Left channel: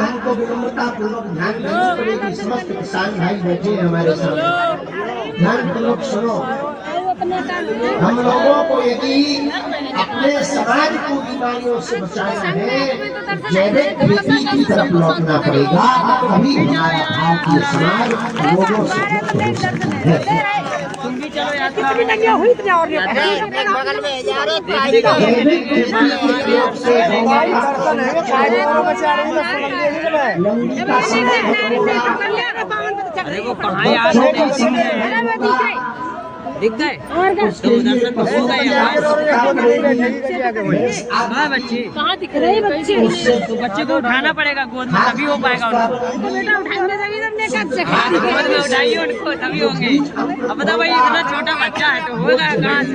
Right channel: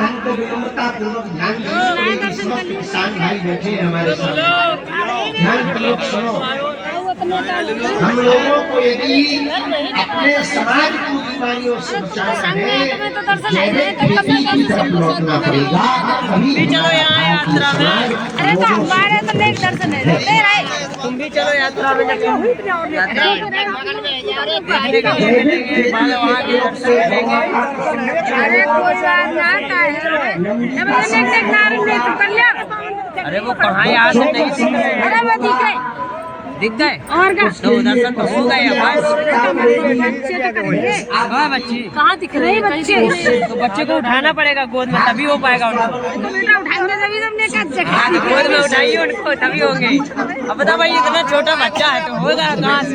हमको विनम्रता पूर्वक ध्यान देने पड़ेगी। समस्त किसान भाई बैठे हैं हमारे सामने, ध्यान पूर्वक सुनो। हम लोगों को यदि अपने समाज को बीमारियों से बचाना है, जैविक खेती की तरफ लौटना पड़ेगा, तभी हमारा भारतीय समाज लोगों से मुक्त हो सकता है। जैविक खेती से अरे वो पढ़ाई आज दिख गए और क्या तो दर्शन तो हो गए। बच्चे कहाँ दिख रहे हैं बच्चे? तो बच्चे को उठाना पड़ेगा गोद में, तभी हो पाएगा उनको। तो बेटा उठाएंगे तभी तुमने गोद में उठाइए उनको, तभी होंगे। अब बता भाई इतना छोटा बच्चा है तो होगा कहाँ से?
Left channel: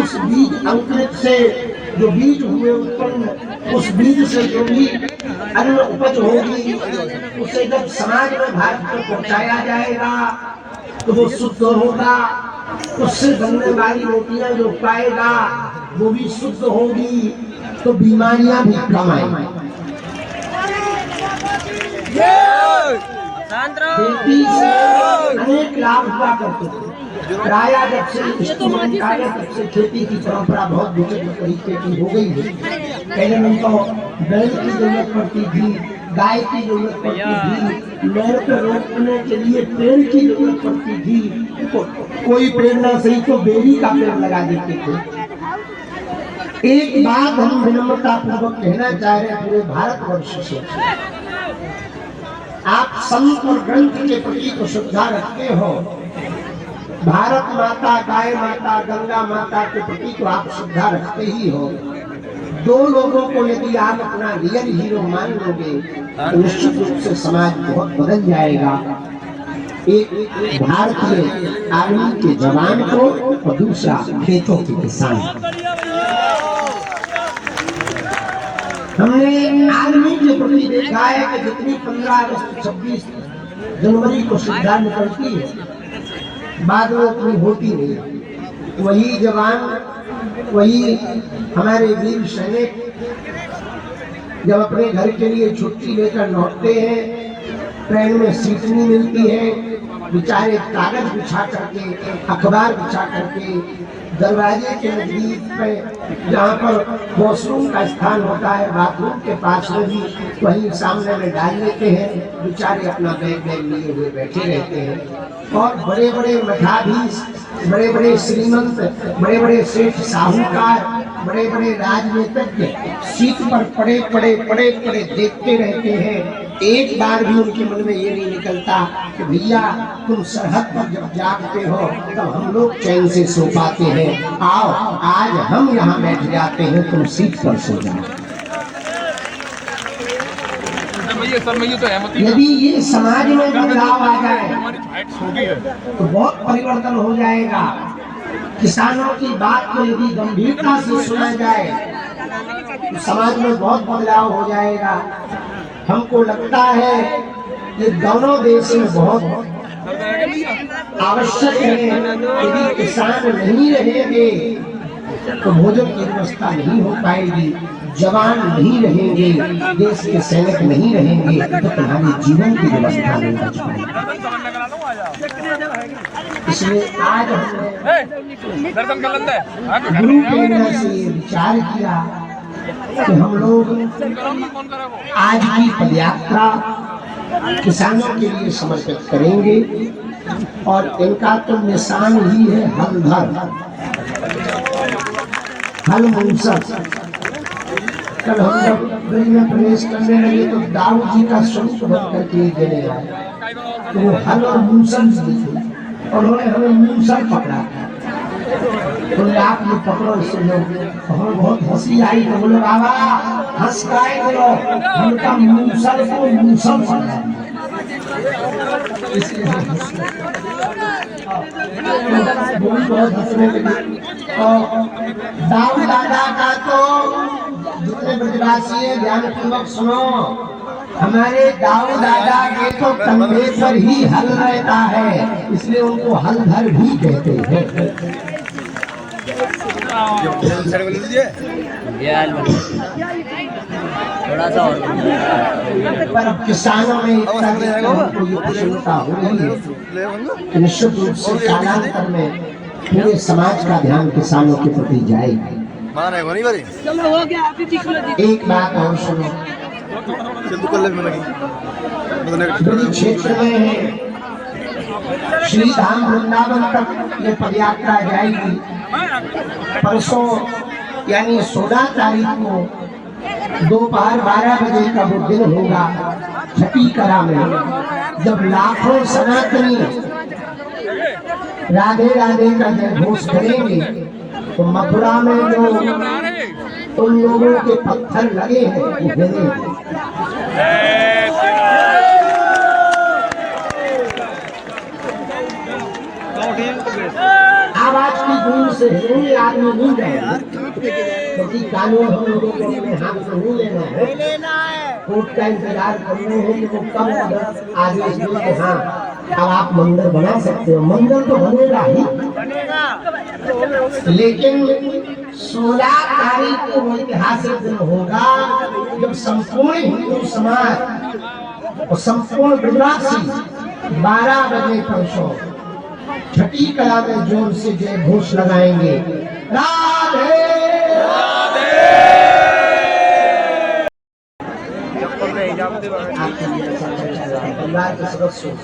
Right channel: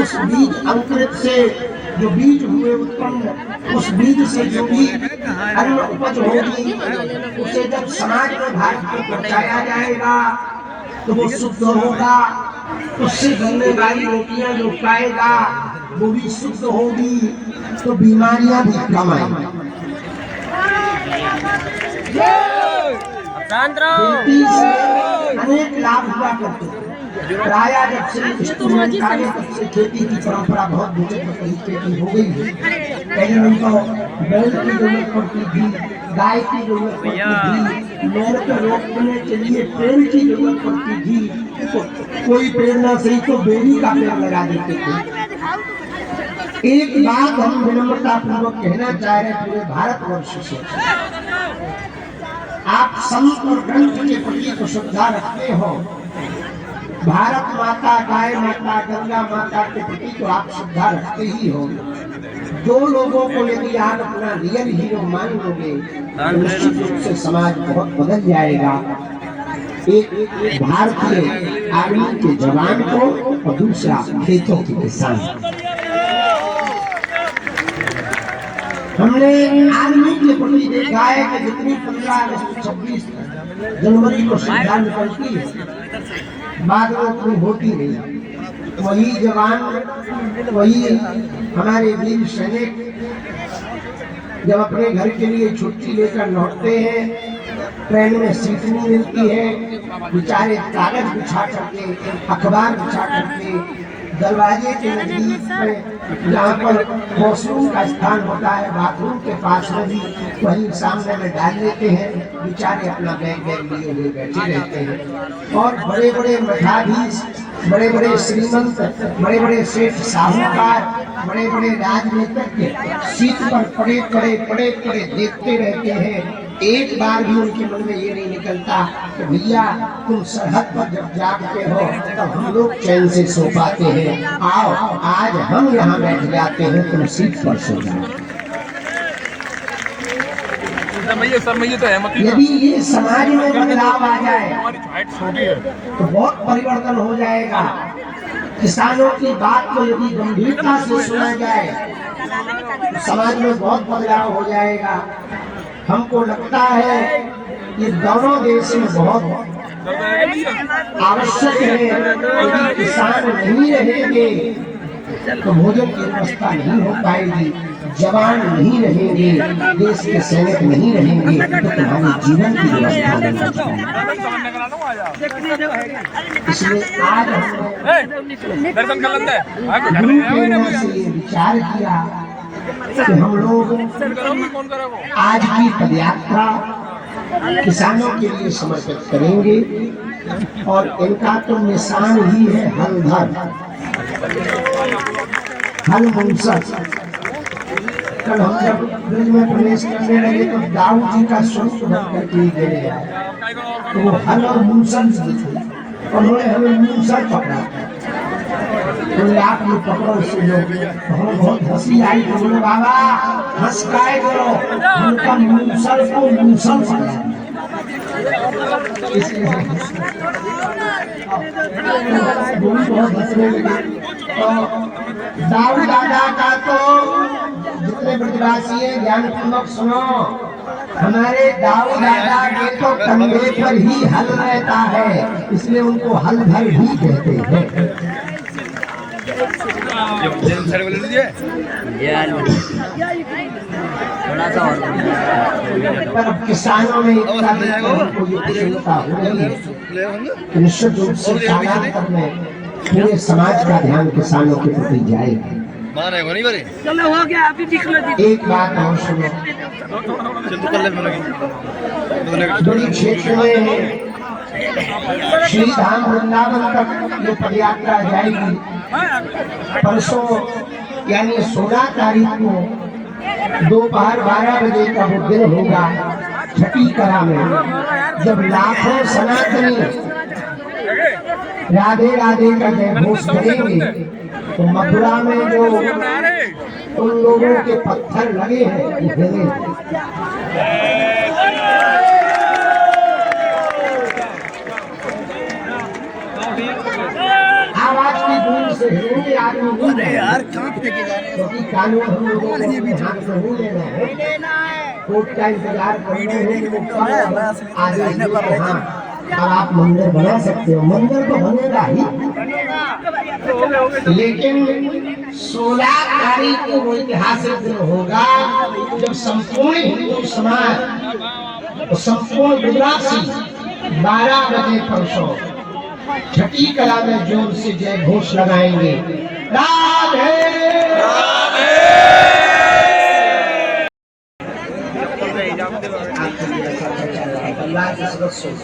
उस बीज अंकुरित से जो बीज हुए उत्पन्न, उस बीज से जो भी अन्न उपज होगी, उसे जब समाज में भारत में पहुंचाया जाएगा तो वो शुद्ध होगा। उससे बनने वाली रोटियां जो खाएगा वो भी शुद्ध होगी, तो बीमारियां भी कम आएंगी। अनेक लाभ हुआ करते थे। प्राय जब से खेती की परंपरा बहुत विचित्र तरीके की हो गई है। पहले नहीं तो बैल की जरूरत पड़ती थी, गाय की जरूरत पड़ती थी, मेड़ पे रोकने के लिए पेड़ की जरूरत पड़ती थी। कोई पेड़ ना सही तो बेली का पेड़ लगा देते थे। एक बात हम विनम्रता पूर्वक कहना चाह रहे हैं पूरे भारतवर्ष से, आप संत और ग्रंथ के प्रति को श्रद्धा रखते हो, भारत माता, गाय माता, गंगा माता के प्रति तो आप श्रद्धा रखते ही हो। दो लोगों को यदि आप अपना रियल हीरो मान लोगे तो निश्चित रूप से समाज बहुत बदल जाएगा। एक भारतीय आर्मी के जवान को और दूसरा खेतों के किसान। हमने आर्मी के प्रति देखा है कि जितनी 15 अगस्त 26 जनवरी को श्रद्धा निकलती है, बाद में अपनी होती नहीं। वही जवान, वही हमारे वीर सैनिक जब अपने घर के लिए छुट्टी लेकर लौटते हैं, ट्रेन में सीट नहीं मिलती है, बेचारे कागज बिछा करके, अखबार बिछा करके दरवाजे के नजदीक में जहाँ पर वॉशरूम का स्थान होता है, बाथरूम के पास में भी वहीं सामने में डाल लेते हैं। बेचारे अपना बैग लिए हुए बैठे रहते हैं। और बड़े बड़े मठाधीश, बड़े बड़े श्रीमंत, बड़े बड़े सेठ साहूकार, बड़े बड़े राजनीतिज्ञ सीट पर पड़े पड़े देखते रहते हैं। एक बार भी उनके मन में ये नहीं निकलता कि भैया तुम सरहद पर जब जागते हो तो हम लोग चैन से सो पाते हैं। आओ आज हम यहाँ बैठ जाते हैं, तुम सीट पर सो जाओ। यदि ये समाज में बदलाव आ जाए तो बहुत परिवर्तन हो जाएगा। किसानों की बात को यदि गंभीरता से सुना जाए तो समाज में बहुत बदलाव हो जाएगा। हमको लगता है ये दोनों देश में बहुत आवश्यक है। यदि किसान नहीं रहेंगे तो भोजन की व्यवस्था नहीं हो पाएगी, जवान नहीं रहेंगे, देश के सैनिक नहीं रहेंगे तो तुम्हारे जीवन की व्यवस्था नहीं हो पाएगी। इसलिए आज हमने ये विचार किया कि हम लोग आज की पदयात्रा किसानों के लिए समर्पित करेंगे। और इनका तो निशान ही है हलधर, हल मूसर। कल हम जब ब्रिज में प्रवेश करने लगे तो दाऊद जी का स्वरूप करके देने आए, तो वो हल और मूसर थे, और उन्होंने हमें मूसर पकड़ा। तो आप लोग पकड़ो इससे लोग, हमें बहुत हंसी आई। तो बोले बाबा हंस काय करो, उनका मूसल को मूसल पकड़ा। दाऊद दादा का तो जितने ब्रजवासी है ध्यान पूर्वक सुनो, हमारे दाऊद दादा के तो कंधे पर ही हल रहता है, इसलिए उनको हलधर भी कहते हैं। ये हाल बन थोड़ा सा और पर अब किसानों में इतना को ये प्रसन्नता हो रही है कि निश्चित रूप से कालांतर में पूरे समाज का ध्यान किसानों के प्रति जाएगा। चलो हो गया अभी दिख लो एक बात और सुनो, बड़ी क्षेत्र में श्री धाम वृंदावन तक ये पदयात्रा जाएगी। परसों यानी 16 तारीख को दोपहर 12 बजे का वो दिन होगा छठी कला में, जब लाखों सनातनी राधे राधे का जय घोष करेंगे तो मथुरा में जो उन लोगों के पत्थर लगे हैं वो गिरेंगे। आवाज की दूर से हिंदी आदमी नहीं रहे क्योंकि कानून हम लोगों को अपने हाथ में नहीं लेना है। कोर्ट का इंतजार करने हैं तो कब आदेश देंगे हाँ अब आप मंदिर बना सकते हो। मंदिर तो बनेगा ही, लेकिन 16 तारीख को वो ऐतिहासिक दिन होगा जब संपूर्ण हिंदू समाज और संपूर्ण गुजराती 12 बजे परसों छठी कला में जोर से जय घोष लगाएंगे। राधे परिवार के सदस्यों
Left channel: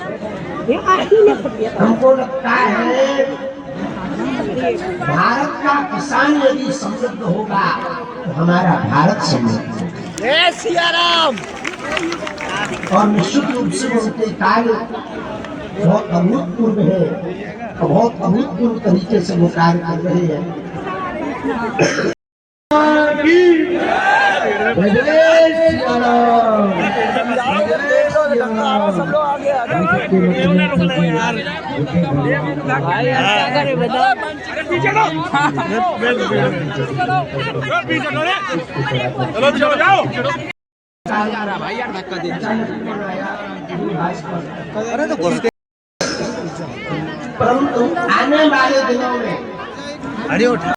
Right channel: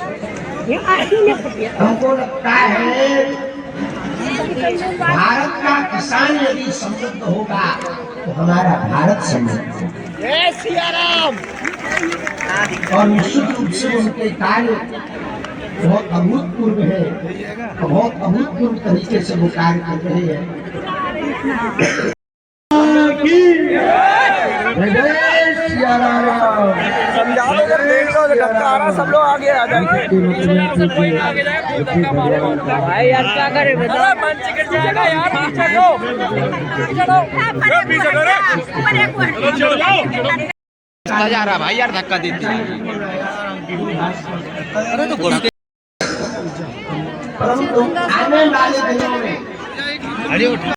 हमको लगता है भारत का किसान यदि समृद्ध होगा तो हमारा भारत समृद्ध और निश्चित रूप से उनके कार्य बहुत अभूतपूर्व है, तो बहुत अभूतपूर्व तरीके से वो कार्य कर रहे हैं। भाई यार क्या करे बताओ जा रहा भाई यार धक्का दे परंतु आने वाले दिनों में